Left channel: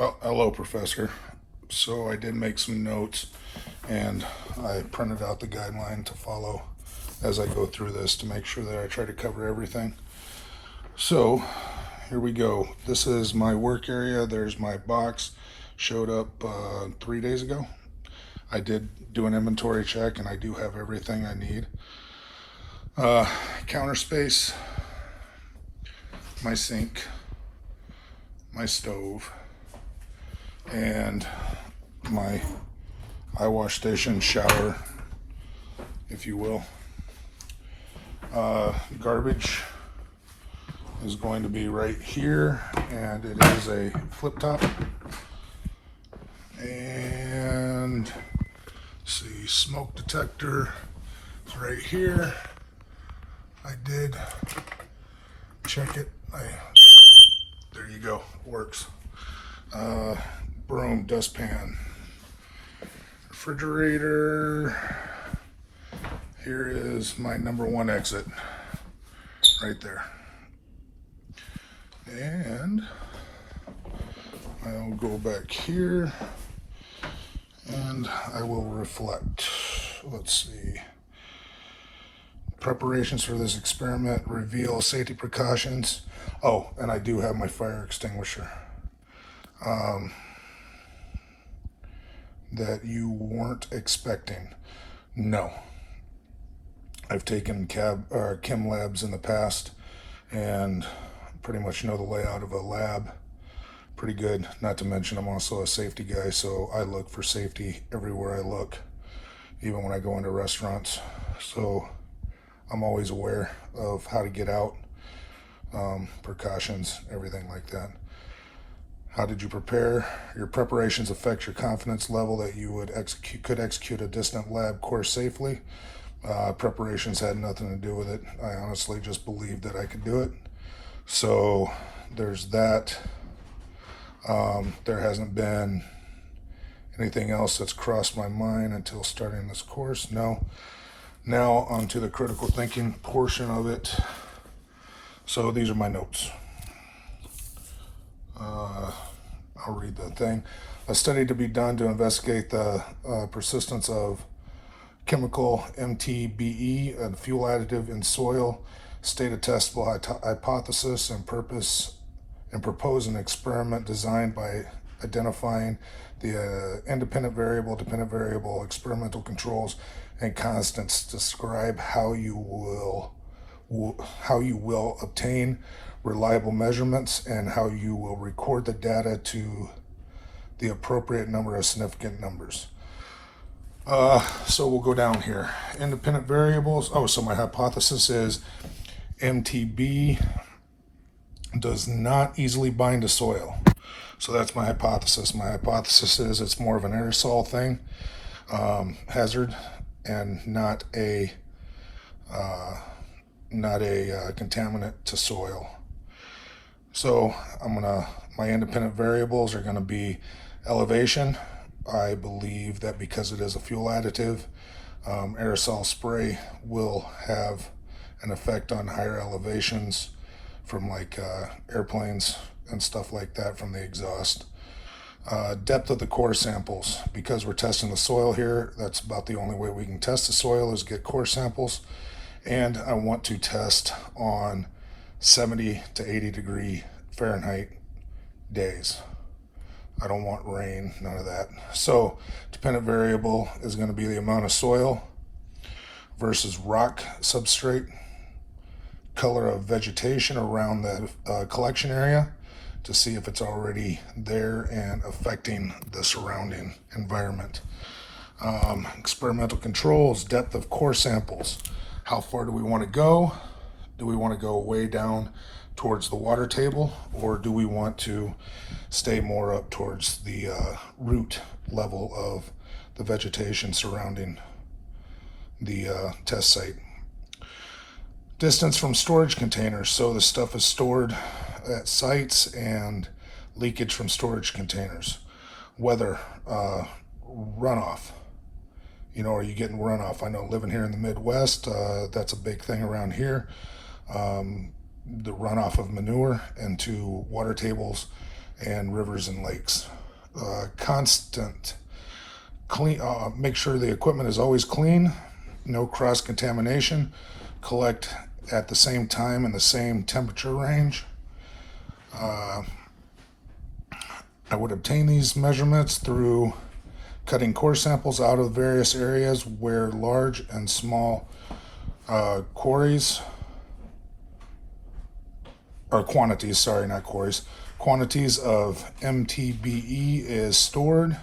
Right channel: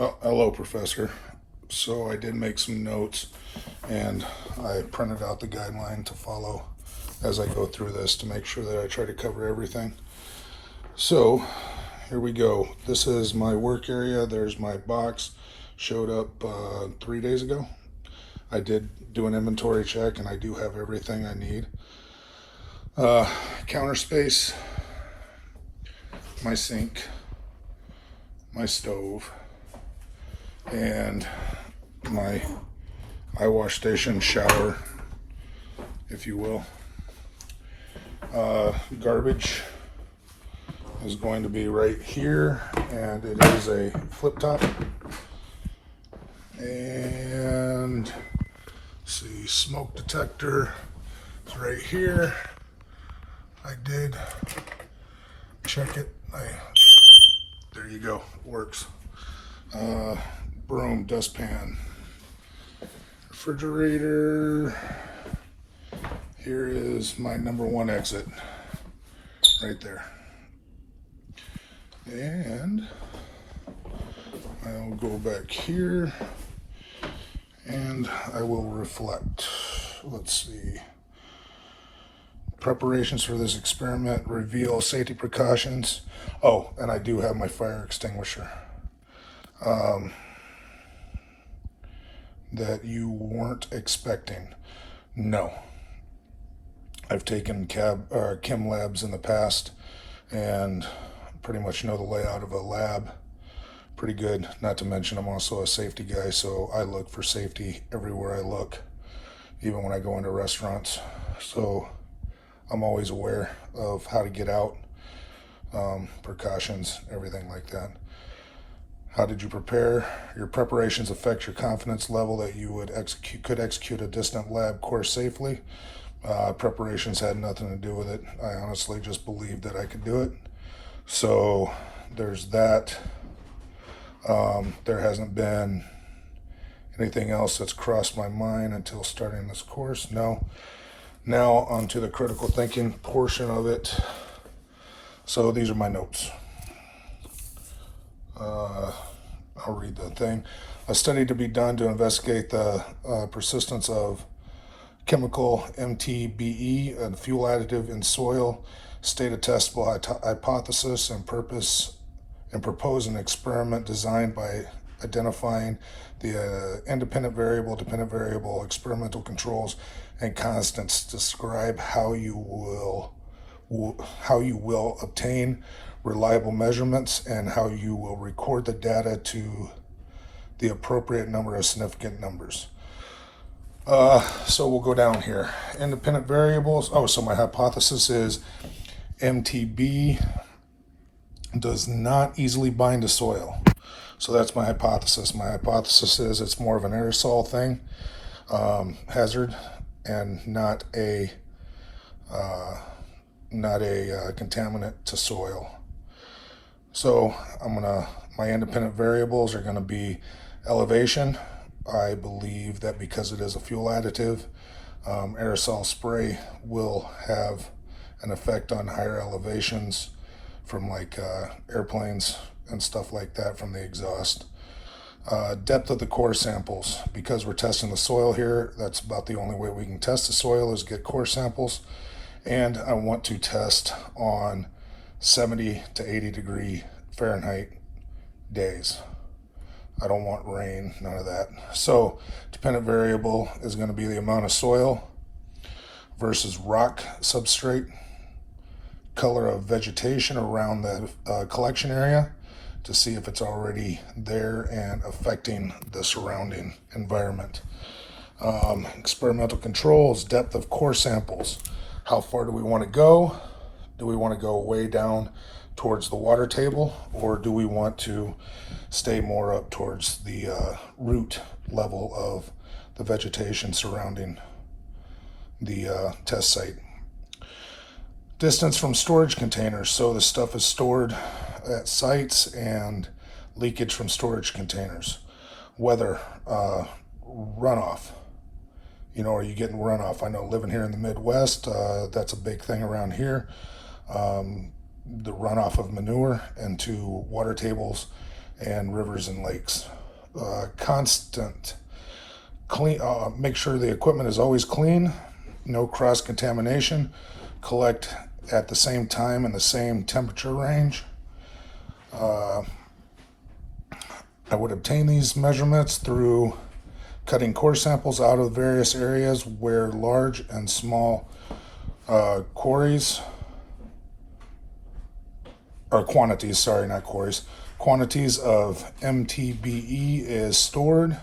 Well, hello, Professor. So I did make some notes and I printed out the guideline to follow as I go through this to make sure that I try to cover everything. So here we go. This is my work area. There's my box. Showed up 3 days ago. I did do an inventory check and I do have everything I need. Counter space, my sink, my stove, and my eye wash station, shower, if you will. Garbage is going to be right here, and it is a flip top. And let's see, smoke detector is right here. I did check it. There you go, works. Broom, dustpan, refrigerator. Here is my number one exit right there. And I'll go back here and I will reflect. Let's see. Preparations for this experiment reveal safety precautions. Oh, and I do have my fire extinguisher. That you weren't expecting. No. I've taken chem labs in the past and pretty much know the layout of a lab pretty good. Not to mention I'm also a safety guy, so I look for safety everywhere I look, even when I go into restaurants. So I'm always aware of how to get out, precautions, everything like that. How did you prepare? Your preparations affect your confidence level that you could execute a distant lab course safely. Preparations had nothing to do with it. I honestly just believed that I could do it. So there's that. There hasn't been anything else that's crossed my mind until starting this course. No. Now onto the critical thinking portion of it. So these are my notes. I'll read the thing. A study to be done to investigate the persistence of chemical MTBE, a fuel additive in soil, state a testable hypothesis and propose an experiment designed by identifying the independent variable, dependent variable, experimental controls, and constants. Describe how you will obtain reliable measurements and how you will record the data to the appropriate number of significant numbers. So we'll go down here. Independent variables. Oh, so my hypothesis is MTB does not easily bind to soil. So that's my hypothesis. My hypothesis is it's more of an aerosol thing, hazard, and not a contaminant to soil. So my independent variables are gonna be elevation. I believe that because it is a fuel additive, aerosol spray will have an effect on higher elevations from like airplanes and stuff like that from the exhaust. Depth of the core samples. Because we're testing the soil here, that's about the only way we can test the soil is get core samples. And I want to test on 70 to 80 degree Fahrenheit days. I don't want rain, none of that. So dependent variable is going to be the amount of soil versus rock substrate, color of vegetation around the collection area to see if it's already there and affecting the surrounding environment. Experimental controls, depth of core samples. How far do we want to go? Do we want to go way down towards the water table, or do we want to stay more up towards the root level of the vegetation surrounding the test site? Distance from storage containers. So the stuff is stored at sites and leakage from storage containers. Weather, runoff. Are you getting runoff? I know living here in the Midwest, that's a big thing around here. The runoff of manure into water tables and rivers and lakes. Constant clean. Make sure the equipment is always clean, no cross contamination. Collect at the same time in the same temperature range. I would obtain these measurements through cutting core samples out of various areas where large and small quarries, or quantities, sorry, not quarries, quantities of MTBE is stored.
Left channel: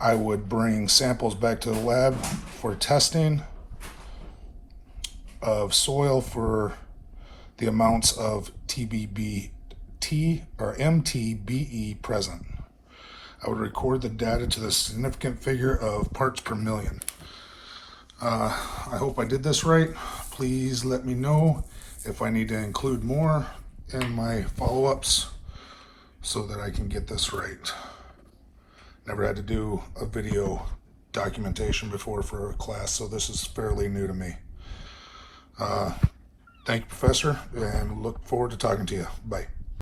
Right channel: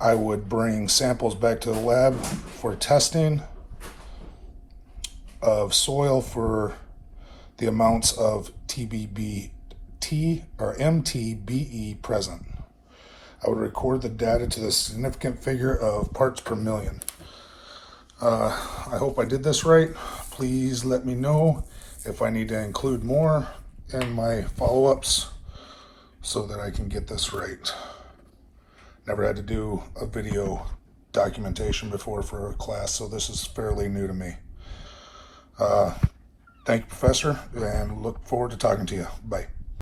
I would bring samples back to the lab for testing of soil for the amounts of MTBE present. I would record the data to the significant figure of parts per million. I hope I did this right. Please let me know if I need to include more in my follow-ups so that I can get this right. Never had to do a video documentation before for a class, so this is fairly new to me. Thank you, Professor, and look forward to talking to you. Bye.